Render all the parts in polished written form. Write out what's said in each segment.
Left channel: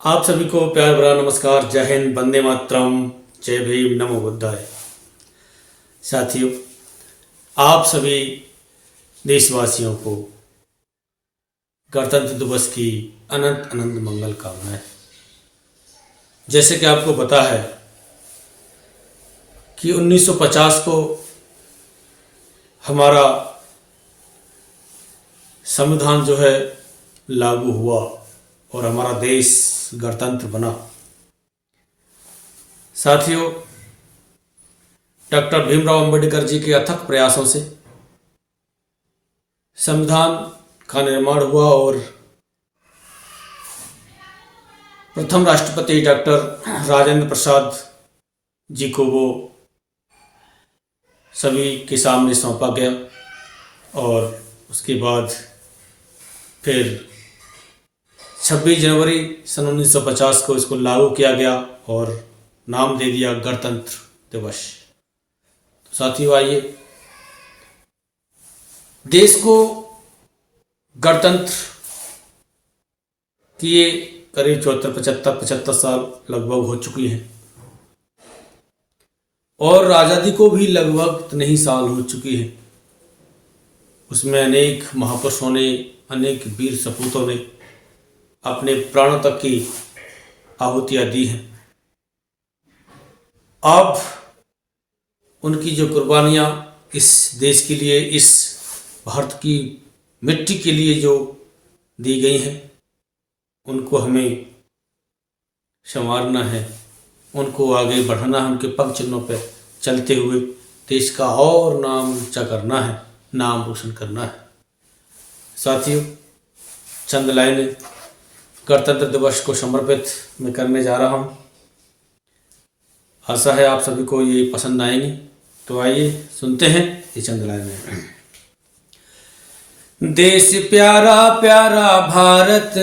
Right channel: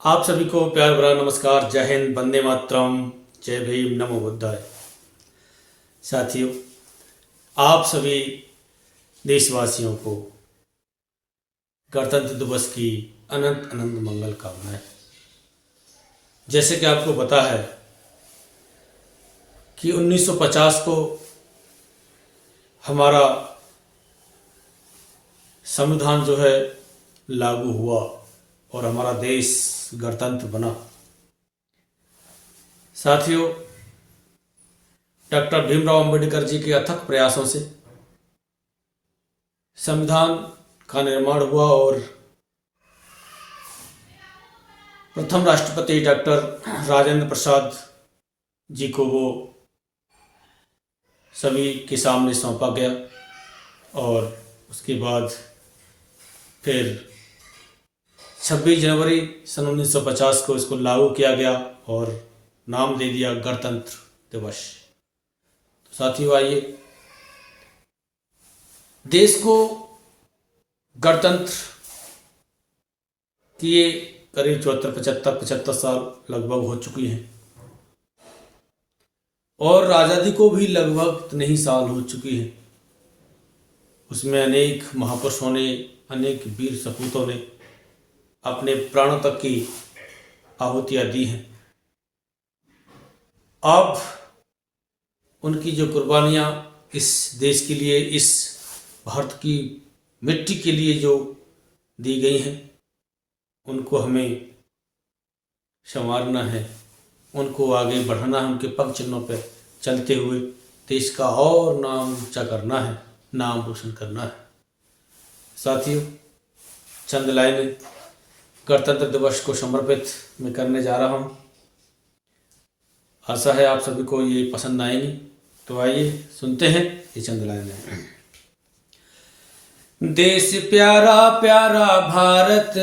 आप सभी को प्यार भरा नमस्कार। जय हिंद, वंदे मातरम, जय भीम, नमो बुद्धाय। साथियों, आप सभी देशवासियों को गणतंत्र दिवस की अनंत अनंत मंगल कामनाएं। जैसे कि आपको पता है कि 1950 को हमारा संविधान जो है लागू हुआ और हमारा देश गणतंत्र बना। साथियों, डॉक्टर भीमराव अंबेडकर जी के अथक प्रयासों से संविधान का निर्माण हुआ और प्रथम राष्ट्रपति डॉक्टर राजेंद्र प्रसाद जी को वो सभी के सामने सौंपा गया और उसके बाद फिर 26 जनवरी सन 1950 को इसको लागू किया गया और नाम दे दिया गणतंत्र दिवस। तो साथियों, आइए देश को गणतंत्र किए करीब 75 साल लगभग हो चुकी हैं और आज़ादी को भी लगभग इतने ही साल हो चुकी है। उसमें अनेक महापुरुषों ने, अनेक वीर सपूतों ने अपने प्राणों तक की आहुतियां दी हैं। अब उनकी जो कुर्बानियां इस देश के लिए, इस भारत की मिट्टी के लिए जो दी गई हैं, उनको हमें संवारना है, उनको आगे बढ़ाना है, उनके पग चिन्हों पर चलते हुए देश का और नाम ऊंचा करना है, नाम रोशन करना है। साथियों, चंद लाइनें गणतंत्र दिवस को समर्पित मैं करने जा रहा हूँ। आशा है आप सभी को ये पसंद आएंगी। तो आइए सुनते हैं ये चंद लाइनें। देश प्यारा प्यारा भारत,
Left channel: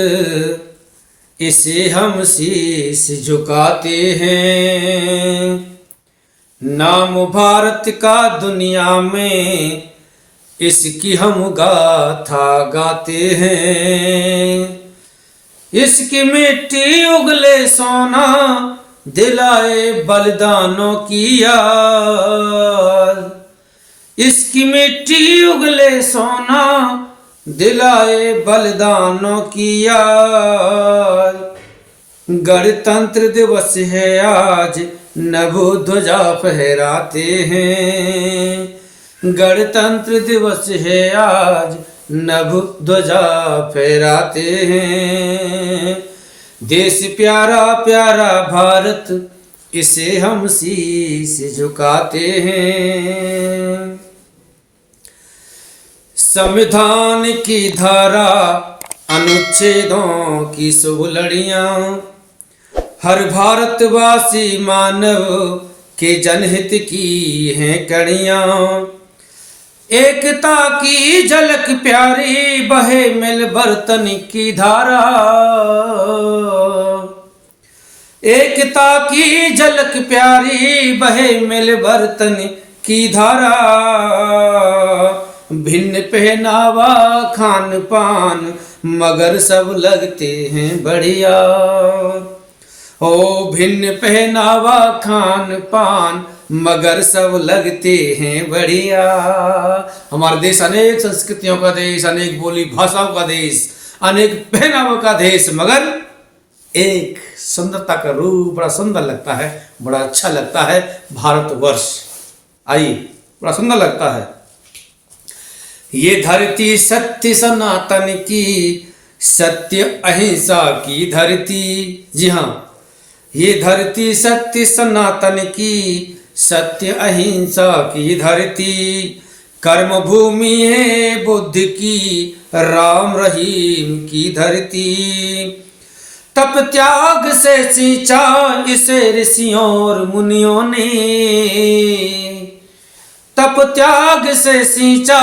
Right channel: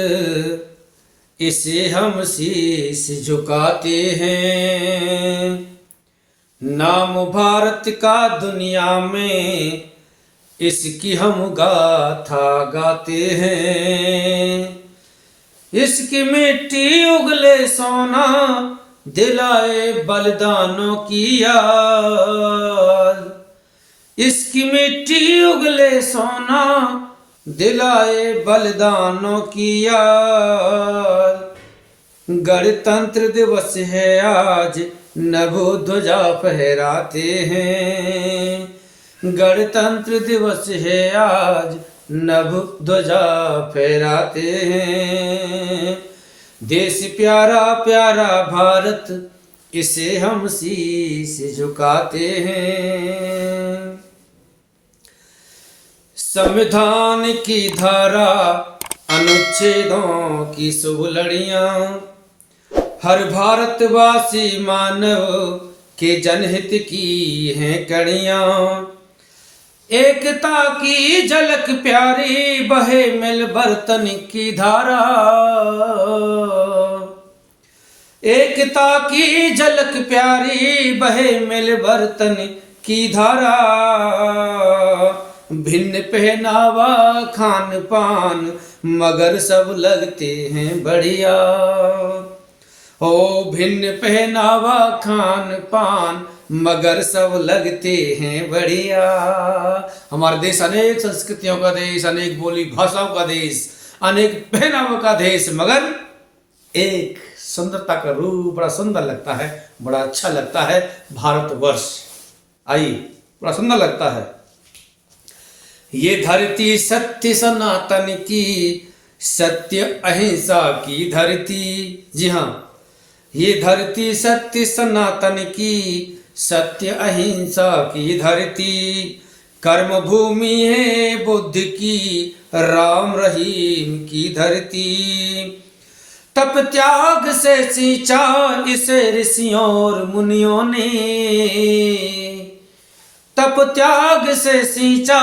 इसे हम शीश झुकाते हैं। नाम भारत का दुनिया में, इसकी हम गाथा गाते हैं। इसकी मिट्टी उगले सोना, दिलाए बलिदानों की याद। इसकी मिट्टी उगले सोना, दिलाए बलिदानों की याद। गणतंत्र दिवस है आज, नभ ध्वजा फहराते हैं। गणतंत्र दिवस है आज, नभ ध्वजा फहराते हैं। देश प्यारा प्यारा भारत, इसे हम शीश झुकाते हैं। संविधान की धारा, अनुच्छेदों की शुभ लड़ियां, हर भारतवासी मानव के जनहित की हैं कड़ियां। एकता की झलक प्यारी, बहे मिल बर्तन की धारा। एकता की झलक प्यारी, बहे मिल बर्तन की धारा। भिन्न पहनावा खान पान, मगर सब लगते हैं बढ़िया। ओ भिन्न पहनावा खान पान, मगर सब लगते हैं बढ़िया। हमारा देश अनेक संस्कृतियों का देश, अनेक बोली भाषाओं का देश, अनेक पहनावों का देश, मगर एक सुंदरता का रूप, बड़ा सुंदर लगता है, बड़ा अच्छा लगता है भारतवर्ष। आइए, बड़ा सुंदर लगता है। ये धरती सत्य सनातन की, सत्य अहिंसा की धरती। जी हाँ, ये धरती सत्य सनातन की, सत्य अहिंसा की धरती। कर्म भूमि है बुद्ध की, राम रहीम की धरती। तप त्याग से सींचा इसे ऋषियों और मुनियों ने। तप त्याग से सींचा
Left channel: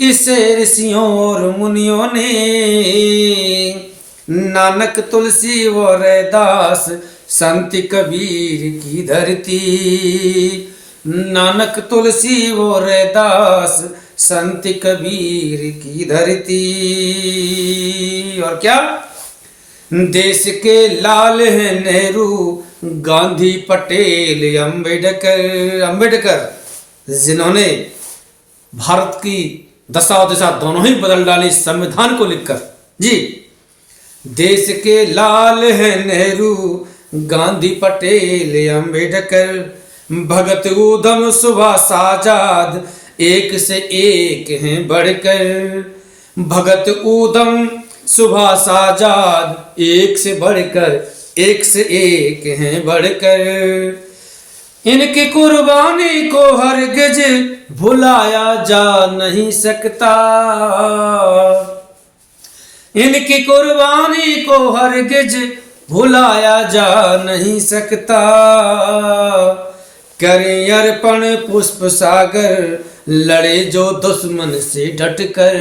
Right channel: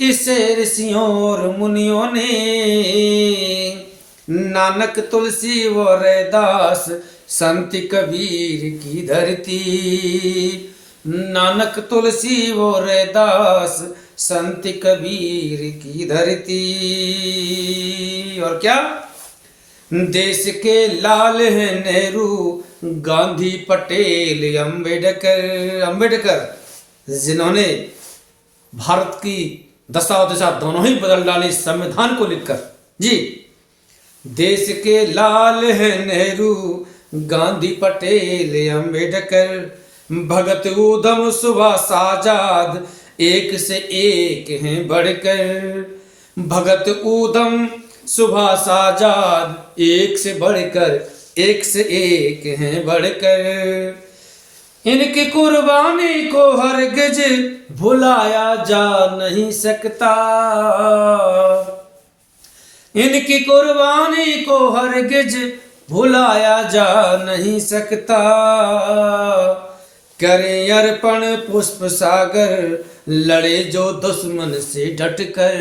इसे ऋषियों और मुनियों ने। नानक तुलसी व रैदास, संत कबीर की धरती। नानक तुलसी व रैदास, संत कबीर की धरती। और क्या, देश के लाल हैं नेहरू, गांधी, पटेल, अंबेडकर जिन्होंने भारत की दशा और दिशा दोनों ही बदल डाली संविधान को लिखकर। जी, देश के लाल हैं नेहरू, गांधी, पटेल, अंबेडकर, भगत, ऊधम, सुभाष, आजाद, एक से एक हैं बढ़कर। भगत, ऊधम, सुभाष, आजाद, एक से बढ़कर, एक से एक हैं बढ़कर। इनकी कुर्बानी को हरगिज भुलाया जा नहीं सकता। इनकी कुर्बानी को हरगिज भुलाया जा नहीं सकता। करें अर्पण पुष्प सागर, लड़े जो दुश्मन से डटकर।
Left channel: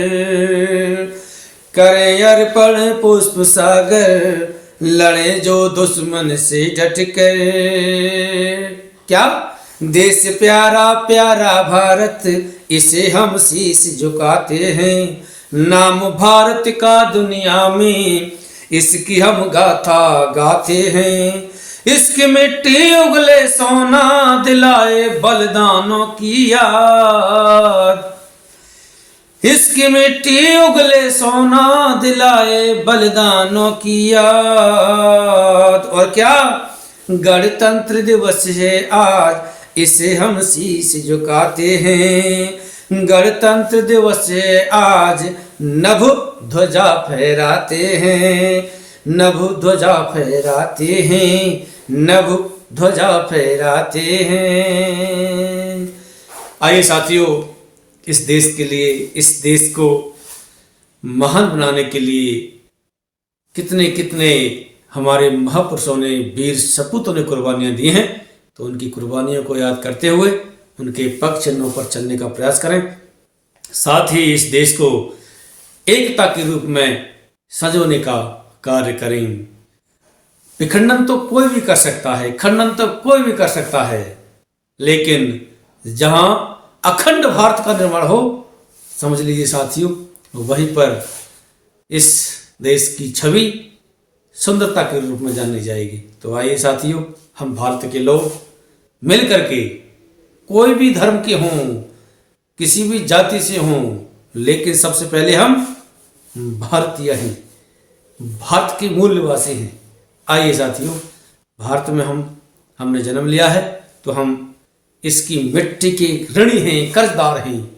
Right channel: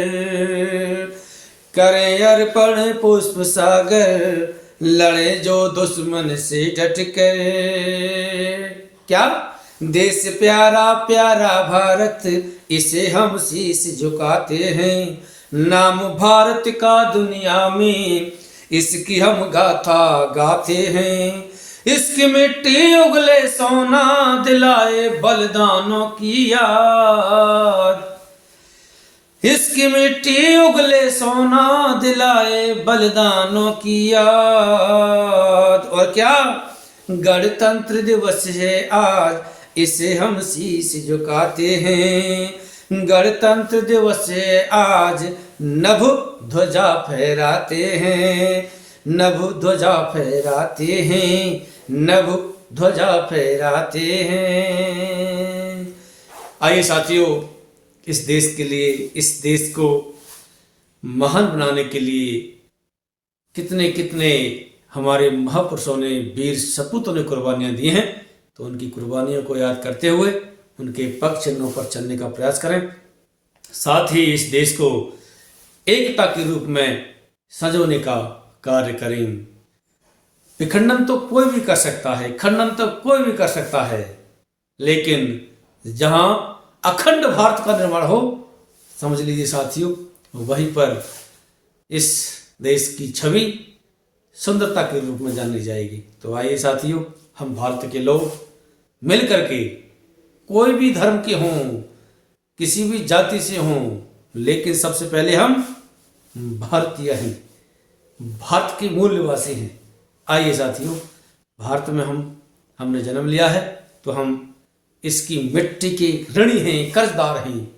करें अर्पण पुष्प सागर, लड़े जो दुश्मन से डटकर। क्या? देश प्यारा प्यारा भारत, इसे हम शीश झुकाते हैं। नाम भारत का दुनिया में, इसकी हम गाथा गाते हैं। इसकी मिट्टी उगले सोना, दिलाए बलिदानों की याद। इसकी मिट्टी उगले सोना, दिलाए बलिदानों की याद। और क्या? गणतंत्र दिवस है आज, इसे हम शीश झुकाते हैं। गणतंत्र दिवस है आज, नभ ध्वजा फहराते हैं। नभ ध्वजा फहराते हैं, नभ ध्वजा फहराते हैं। आइए साथियों, इस देश के लिए, इस देश को महान बनाने के लिए कितने कितने हमारे महापुरुषों ने, वीर सपूतों ने कुर्बानियां दी हैं। तो उनकी कुर्बानियों को याद करते हुए उनके पग चिन्हों पर चलने का प्रयास करें। साथ ही इस देश को एकता के रूप में सजोने का कार्य करें। विखंडन तो कोई भी कर सकता है, खंडन तो कोई भी कर सकता है, लेकिन जहां अखंड भारत का निर्माण हो, समझ लीजिए साथियों, वहीं पर इस देश की छवि सुंदरता के रूप में जानी जाएगी। तो आइए साथियों, हम भारत के लोग मिल करके, कोई भी धर्म के हों, किसी भी जाति से हों, लेकिन सबसे पहले हम भारतीय हैं, भारत के मूल निवासी हैं। आइए साथियों, भारत में हमने जन्म लिया है, तो हम इसकी मिट्टी के ऋणी हैं, कर्जदार हैं।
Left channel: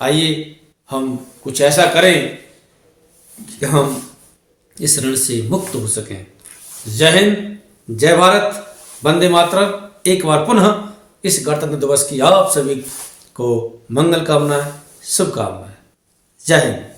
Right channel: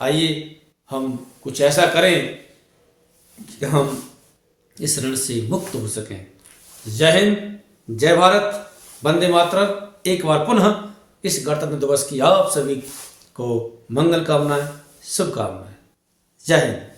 आइए हम कुछ ऐसा करें कि हम इस ऋण से मुक्त हो सकें। जय हिंद, जय भारत, वंदे मातरम। एक बार पुनः इस गणतंत्र दिवस की आप सभी को मंगल कामनाएं, शुभकामनाएं। जय हिंद।